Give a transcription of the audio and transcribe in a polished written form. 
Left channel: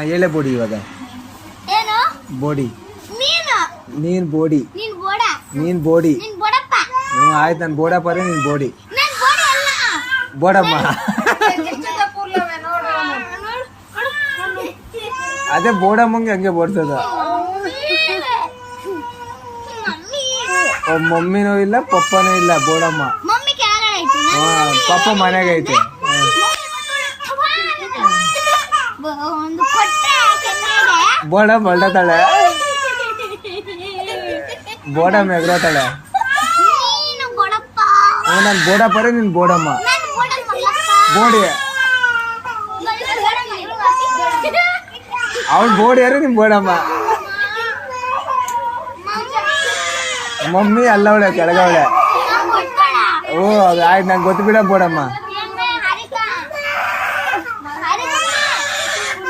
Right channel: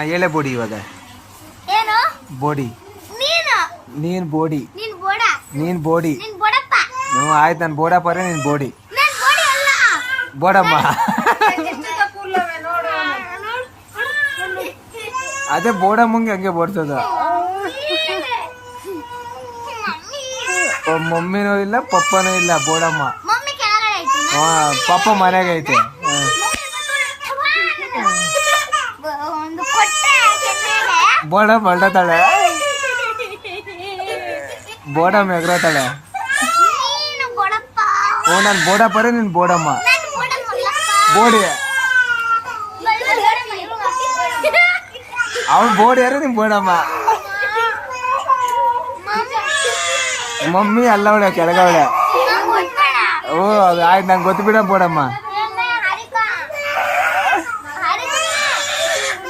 ಹೇಳೆ ಬೋಡಿ ಇವಾಗ ಏನು ಬೋಡಿ ನೀನು ನೀನ್ ಬೋಡಿ ನೀನ್ ಬೋಡ ನೀನ್ ಬೋಡಿ ನೀನ್ ಬೋಡಪ್ಪ ಹ್ಞೂ ಆಯ್ತು ನಾನು ಬೋಡಪ್ಪ ನೀನ್ ಬೋಡಿ ನಾನ್ ಬೋಡಿ ಅಲ್ಲ ಬೋಡಮ್ಮ ಅದೇ ಬೋಡಮ್ಮಂಗೆ ಹಂಗೆ ಬೋಡ್ಸೋದು ಮಮ್ಮಿನೂ ಇಲ್ಲ ಪಪ್ಪನೂ ಇಲ್ಲ ಬೋಡಮ್ಮ ಮಮ್ಮಿ ಕೆಳಗಡೆ ಐತಿ ಪಪ್ಪ ಮನೆಗೆ ಐತೆ ಒಂದು ಕೊಟ್ಟೆ ಕೆನ್ನೆಗೆ ಬೋಡ ಮಲ್ಡತಾಳೆ ಬೋಡಮ್ಮ ಎಗ್ರತಾಳೆ ನೀನು ಬೋಡಪ್ಪ ನಾನು ಬೋಡಪ್ಪ ರೀ ನೀನ್ ಬೋಡಮ್ಮ ನಾನು ಬೋಡಮ್ಮಲ್ಲಪ್ಪ ಬೋಡಿ ಅವ್ನು ಬೋಡಿ ಯಾರು ನಿಮ್ ಬೋಡಮ್ಮ ಮಮ್ಮಿ ಅಲ್ಲವಳೆ ಕೆಳಗವಳೆ ಓ ಅದು ಆಯ್ತು ನಂಗೆ ಗೊತ್ತು ಬಿಡ ಬೋಡಮ್ಮ